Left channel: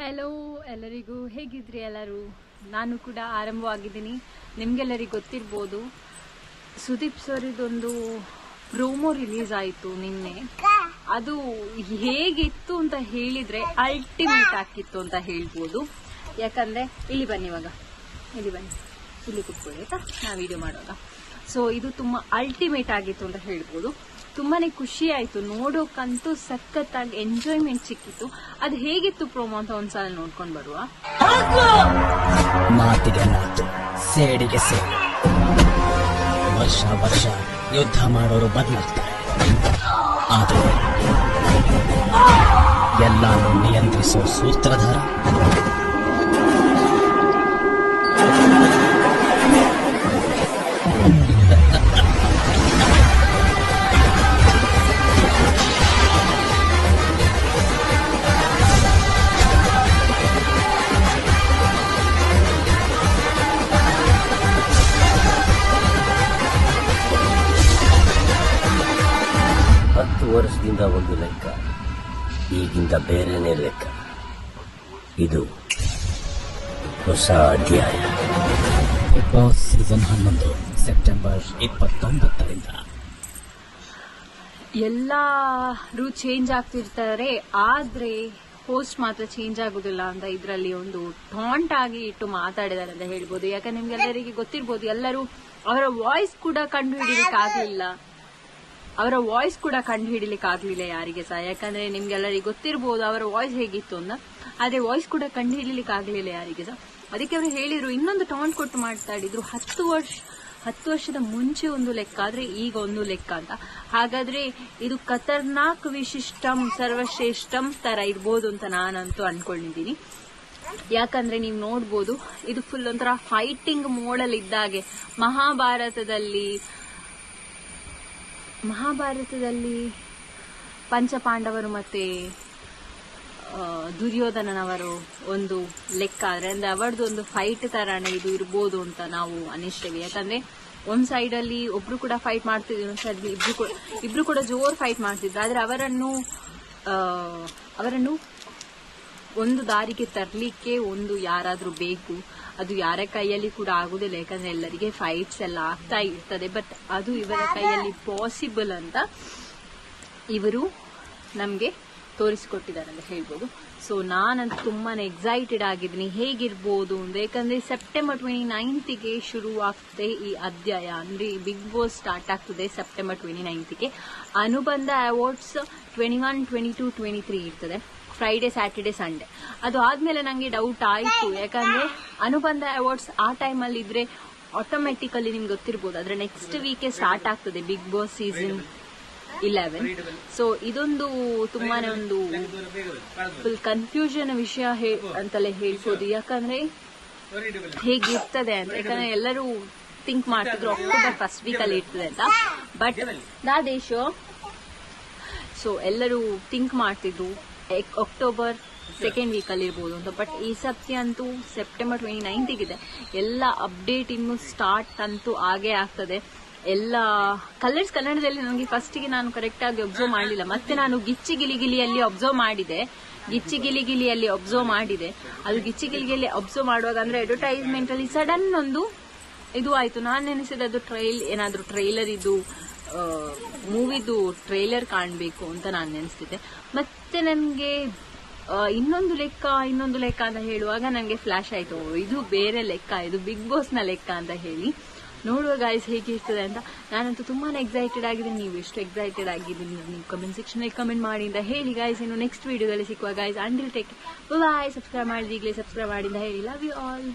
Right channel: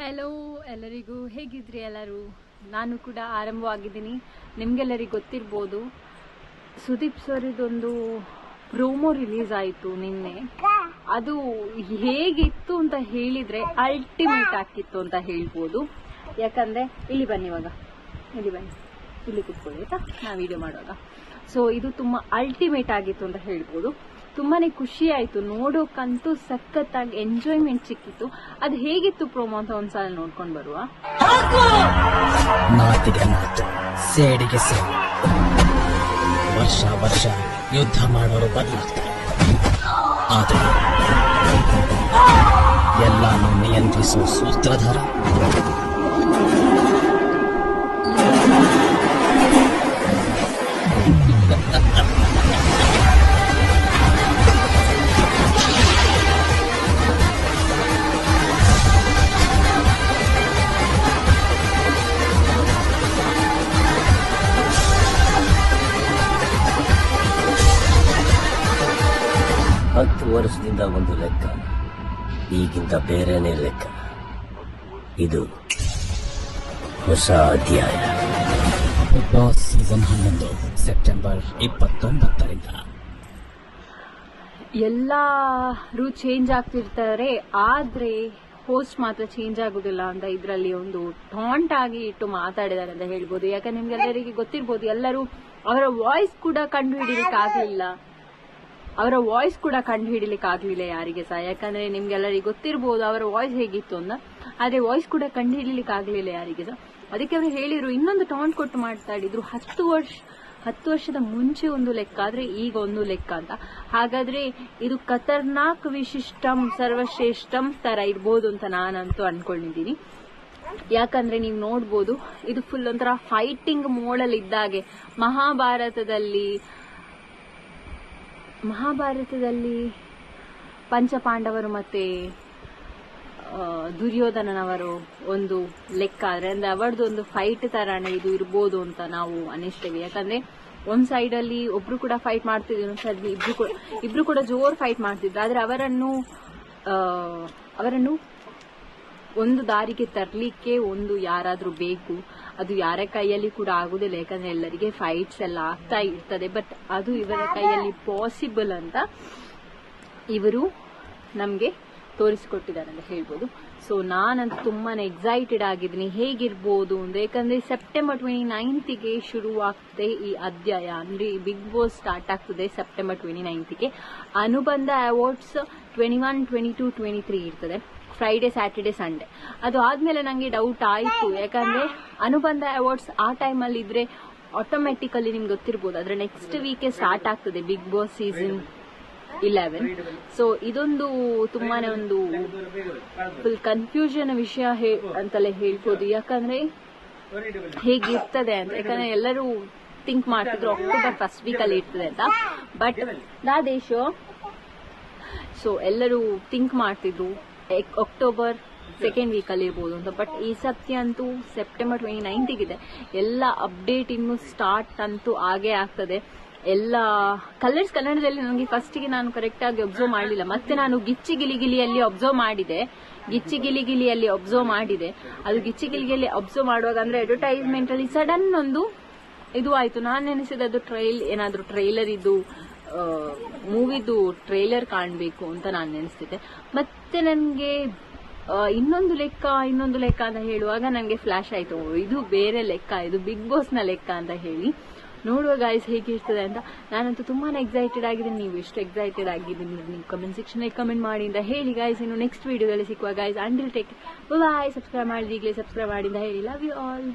Hello ಎಲ್ಲರಿಗೂ, ಹೇಗಿದ್ರಿ ಎಲ್ಲರೂ? ನಾನು ಕೂಡ ಆರಂಭವಾಗಿದ್ದೀನಿ. ನಿಮಗೆಲ್ಲರಿಗೂ ಗೊತ್ತಿರ್ಬೋದು, ಸುದೀಪ್ ಸರಿದೊಂದು ಪ್ರೋಮೋ ರಿಲೀಸ್ ಆಯಿತು ನಿನ್ನೆ. ಅದು ಹೇಗಿತ್ತು ಅಂತ ಹೇಳಿದರೆ ಅಲ್ಟಿಮೇಟ್ ಆಗಿತ್ತು ಅಂತ ಹೇಳ್ಬೋದು. ಯಾಕಂದರೆ, ಇಲ್ಲಿ ಬನ್ನಿ ಇವಾಗ. ಇಲ್ಲಿ ಬನ್ನಿ. ಇಲ್ಲಿ ಕುತ್ಕೊಳ್ಳಿ, ಆಯಿತಾ? ನಾವು ವಿಡಿಯೋ ಮಾಡುವಾಗ. ಸೊ ಇದು ತುಂಬ ಅಲ್ಟಿಮೇಟ್ ಆಗಿತ್ತು ಅಂತ ಹೇಳ್ಬೋದು. ತುಂಬಾನೇ ಖುಷಿ ಆಯ್ತು. ನೋಡೋಕ್ಕಂತೂ ಸಖತ್ತಾಗಿ ಎಂಜಾಯ್ಮೆಂಟ್ ಸಿಕ್ಕಿತ್ತು. ಅದು ಹೇಗಿತ್ತು ಪ್ರೋಮೋ ಅಂತ ಒಂದ್ಸಲ ನೋಡ್ಕೊಂಡು ಬರುವ? ಮಾತಿಗೆ ಮಾತು ಸೇಡಿಗೆ ಸೇಡಿ. ವರ್ಷ ವರ್ಷ ಯುದ್ಧ ಮಾಡೋರು ಬದಲಾಗ್ತಾರೆ. ಆದರೆ ಎಲ್ಲಾನು ನಿಯಂತ್ರಿಸೋ ಸೂತ್ರಧಾರ ಒಂದು ಲೆಕ್ಕ. ಈಗಿಂತ ಬೇರೆನೇ ಲೆಕ್ಕ. ಇದು ಹೊಸ ಅಧ್ಯಾಯ. ಬಾಸ್ ಸೀಸನ್ ಹನ್ನೊಂದು ಸೆಪ್ಟೆಂಬರ್ ಇಪ್ಪತ್ತೊಂಬತ್ತರಿಂದ. ಎಲ್ಲರೂ ಚೇಂಜ್ ಆಗ್ತಿರ್ತಾರೆ ಆದ್ರೆ ಪೋಸ್ಟ್ ಮಾತ್ರ ಚೇಂಜ್ ಆಗುದಿಲ್ಲ ಅಂತ ಇದರಲ್ಲಿ ಒಂದು ಟಾಂಟ್ ಆಗಿ ಇಟ್ಟು ಮಾತಾಡಿದ್ದಾರೆ ಅಂತ ಹೇಳ್ಬೋದು. ಯಾಕಂದ್ರೆ ನಿಮ್ಗೆಲ್ಲರಿಗೆ ಗೊತ್ತಿರ್ಬೋದು ಎಲ್ಲರೂ ಅವರ ವಾಯ್ಸ್ ಕೂಡ ಕಂಡು ಹಿಡಿಲಿಕ್ಕೆ ಆಗ್ಲಿಲ್ಲ. ಅವರ ವಾಯ್ಸ್ ಕೂಡ ಕಂಡು ಹಿಡಿಲಿಕ್ಕೆ ಆಗ್ಲಿಲ್ಲ ಯಾರಿಗೆ ಸಹ. ಯಾಕಂದ್ರೆ ನಿಮ್ಗೆಲ್ಲರಿಗೆ ಗೊತ್ತಿರ್ಬೋದು ಅವರ ವಾಯ್ಸ್ ಹೇಗಿತ್ತು ಅಂತ. ಆದ್ರೆ ವಾಯ್ಸ್ ಕೂಡ ಕಂಡು ಹಿಡಿಲಿಕ್ಕೆ ಆಗ್ಲಿಲ್ಲ ಯಾರಿಗೆ ಸಹ. ಅದಕ್ಕೆ ಅವರು ಹೇಳಿದ್ರು, ಇನ್ನೊಂದು ಟಾಂಟ್ ಕೊಟ್ಟು ಮಾತಾಡಿದ್ರು ಹತ್ತು ವರ್ಷ, ಹತ್ತು ವರ್ಷದ ಮುಂಚೆ ಒಂದು ಲೆಕ್ಕ, ಆದ್ರೆ ಈಗ ಒಂದು ಲೆಕ್ಕ ಅಂತ. ಹಾಗಾದ್ರೆ ಇದು ಖತರ್ನಾಕ್ ವಿಶಿಷ್ಟಂ, ಸರ್ವಶ್ರೇಷ್ಠಂ ತರ ಇರ್ಬೋದು ಅಂತ ನಾನಂತೂ ಅನ್ಕೊಂಡಿದ್ದೀನಿ. ಯಾಕಂದ್ರೆ ನೀವು ನೋಡ್ಬೋದು, ಇದು ಫುಲ್ ಒಂಥರ ಫೈಟಿಂಗ್ ಮೋಡಲ್ ಇದ್ದಾಗೆ ಮಹಾಭಾರತದಲ್ಲಿ ಮಹಾಭಾರತದಲ್ಲಿ ಪಂಚಪಾಂಡವರು ಮತ್ತೆ ದುರ್ಯೋಧನನವರು ಒಂದು ಲೆಕ್ಕ. ಆದ್ರೆ ಅಂದರೆ ಅವರದ್ದು ಒಂದು ಫೈಟ್ ಥರನೇ ಇದು ಇರ್ಬೋದು ಅಂತ ನಾವು ಅನಿಸ್ತೇವೆ. ಯಾಕಂದ್ರೆ, ಒಂದು ಸೈಡ್ ಅಲ್ಲಿ ಒಬ್ರು ಕೂಡ ಫೈಟ್ ಮಾಡ್ತಿದ್ರು ಒಂದು ಸೈಡ್ ಇಬ್ರು ಕೂಡ ಇಬ್ರು ಕೂಡ ಜೋರು ಫೈಟ್ ಮಾಡ್ತಿದ್ರು. ಆದ್ರೆ ಅವರನ್ನು ಅವರನ್ನು ಒಂದು ದಾರಿಗೆ ತರಲಿಕ್ಕೆ ಒಂದು ಯಾರಾದ್ರೂ ಬೇಕು, ಅದು ಯಾರ ಕೈಯಲ್ಲಿ ಕೂಡ ಆಗುದಿಲ್ಲ. ಯಾಕಂದ್ರೆ ಎಲ್ಲರಿಗೆ ಫೈಟ್ಸ್ ಎಲ್ಲ ಆಗ್ತಾ ಇರ್ತದೆ. ಬಟ್ ಅದು ಇವರ ಕೈಯಲ್ಲಿ ಪಾಸಿಬಲ್ ಅಂತ ಇವರು ನಮಗೆ ತೋರಿಸಿಕೊಟ್ಟಿದ್ದಾರೆ ಅಂತ ಹೇಳ್ಬೋದು. ಸೊ ನಾನಂತೂ ತುಂಬಾ ಎಕ್ಸೈಟೆಡ್ ಆಗಿದ್ದೀನಿ. ಹೇಗಿರ್ಬೋದು ಅಂತ. ಯಾಕಂದರೆ ಸೆಪ್ಟೆಂಬರ್ ಟ್ವೆಂಟಿ ನೈನ್ತಿಗೆ ಶುರು ಆಗ್ತದೆ ಈ ಅಧ್ಯಾಯ. ಅಂದ್ರೆ ಬಿಗ್ ಬಾಸ್ ಸ್ಟಾರ್ಟ್ ಆಗ್ತದೆ ಸೆಪ್ಟೆಂಬರ್ ಟ್ವೆಂಟಿ ನೈನ್ತಿಗೆ ಅನುಬಂಧ awards twenty one twenty two twenty three ಇರ್ತದೆ. ಫ್ರೈಡೆ ಸ್ಯಾಟರ್ಡೆ ಸಂಡೇ ಅದು ಆದಮೇಲೆ ನನಗೆ ಡೌಟ್ ಆಯ್ತು. ಯಾಕಂದ್ರೆ ಅನುಬಂಧ ಅವಾರ್ಡ್ಸ್ ಆ ಟೈಮಲ್ಲಿ ಇದ್ರೆ ಆಟೋಮೆಟಿಕಲಿ ನಿಮ್ಗೆ ಗೊತ್ತಿರ್ಬೋದು. ಅದ್ರ ನೆಕ್ಸ್ಟ್ ವೀಕೆ ಸ್ಟಾರ್ಟ್ ಆಗ್ತದೆ Bigg Boss season eleven so ಇದೊಂದು ತುಂಬಾನೇ ಒಂದು ಫುಲ್ ಕನ್ಫ್ಯೂಷನ್ ವಿಷಯ ಅಂತಲೇ ಹೇಳ್ಬೋದು. ಯಾಕಂದ್ರೆ ಹೇಗಿರ್ತದೆ ಅಂತ, ಯಾಕಂದ್ರೆ ಎಲ್ಲರೂ ಥಿಂಕ್ ಮಾಡ್ತಿದ್ರು ಅಕ್ಟೋಬರ್ ಫಸ್ಟ್ ವೀಕ್ ಅಲ್ಲಿ ಇರ್ತದೆ ಅಂತ. ಬಟ್ ನಾ ದೇಶ ಸೊ ಎಲ್ಲರೂ ಥಿಂಕ್ ಮಾಡ್ತಿದ್ರು ಅಕ್ಟೋಬರ್ ಸೆಕೆಂಡ್ ವೀಕ್ ಅಲ್ಲಿ ಇರ್ಬೋದು ಅಂತ. ಬಟ್ ಈ ಸತಿ ಅಂತೂ ಸೆಪ್ಟೆಂಬರ್ ಟ್ವೆಂಟಿ ನೈನ್ತಿಗಿದೆ ಎಲ್ಲ ಅಪ್ಡೇಟ್ ಇನ್ನು ಸ್ಟಾರ್ಟ್ ಅಂತೂ ಆಗೇ ಆಗ್ತದೆ. ಎಲ್ಲ ಕಲರ್ಸ್ ಕನ್ನಡದಲ್ಲಿ ನನಗೆ ಫಸ್ಟಿಗೆ ನಾನು ಕರೆಕ್ಟ್ ಆಗಿ ಅಬ್ಸರ್ವ್ ಮಾಡಲಿಲ್ಲ. ಮತ್ತೆ ನಾನು ಗಿಚ್ಚಿ ಗಿಲಿಗಿಲಿಯಲ್ಲಿ ಅಬ್ಸರ್ವ್ ಮಾಡಿದೆ. ಗಿಚ್ಚಿ ಗಿಲಿಗಿಲಿಯಲ್ಲಿ ಅಬ್ಸರ್ವ್ ಮಾಡಿದೆ. ಅದು ಗಿಚ್ಚಿ ಗಿಲಿಗಿಲಿ ಅಬ್ಸರ್ವ್ ಮಾಡುವಾಗ ಅಂದ್ರೆ ಅಡ್ವರ್ಟೈಸ್ಮೆಂಟ್ ಅಲ್ಲಿ ಸಡನ್ ಒಂದು ಇದು ಆಯ್ತು. ನಾನು ನೆನೆಸಿದ ಅದು ಟ್ರೈಲ್ ಏನಾದರೂ ಟ್ರೈಲರ್ ಇದು ಮೂವಿದು ಟ್ರೈಲರ್ ಕಾಣಬೇಕು ಅಂತ ನಾನು ನೆನೆಸ್ತಿದ್ದೆ. ಮತ್ತೆ ನನಗೆ ಇನ್ನೊಂದು ಲೆಕ್ಕ ಇನ್ನೊಂದು ಲೆಕ್ಕ ಅಂತ ಹೇಳುವಾಗ ನನಗೆ ಫ್ಲಾಶ್ ಆಯ್ತು. ಇದು ಬೇರೆ ಲೆಕ್ಕ, ಇದು ಬಿಗ್ ಬಾಸ್ನ ಲೆಕ್ಕ ಅಂತ ಹೇಳಿ. ನೋಡುವ ಗಾಯ್ಸ್ ಹೇಗಿರ್ತದೆ ಅಂತ. ನಾನಂತೂ ತುಂಬಾ ಎಕ್ಸೈಟೆಡ್ ಆಗಿದ್ದೀನಿ. ನೀವು ಎಷ್ಟು ಎಕ್ಸೈಟೆಡ್ ಆಗಿದ್ದೀನಿ ನೀವು ಕಮೆಂಟ್ ಸೆಕ್ಷನ್ ಕಮೆಂಟ್ ಮಾಡಿ ಅಂತ ಹೇಳಿ ಗಾಯ್ಸ್ ಇನ್ನು ನೆಕ್ಸ್ಟ್ ವೀಡಿಯೋದಲ್ಲಿ ಸಿಕ್ಕುವ guys until take bye subscribe ಮಾಡಿದ ಈಗಲೇ ಸಬ್ಸ್ಕ್ರೈಬ್ ಮಾಡಿದ ಹೇಳಿ. Love you all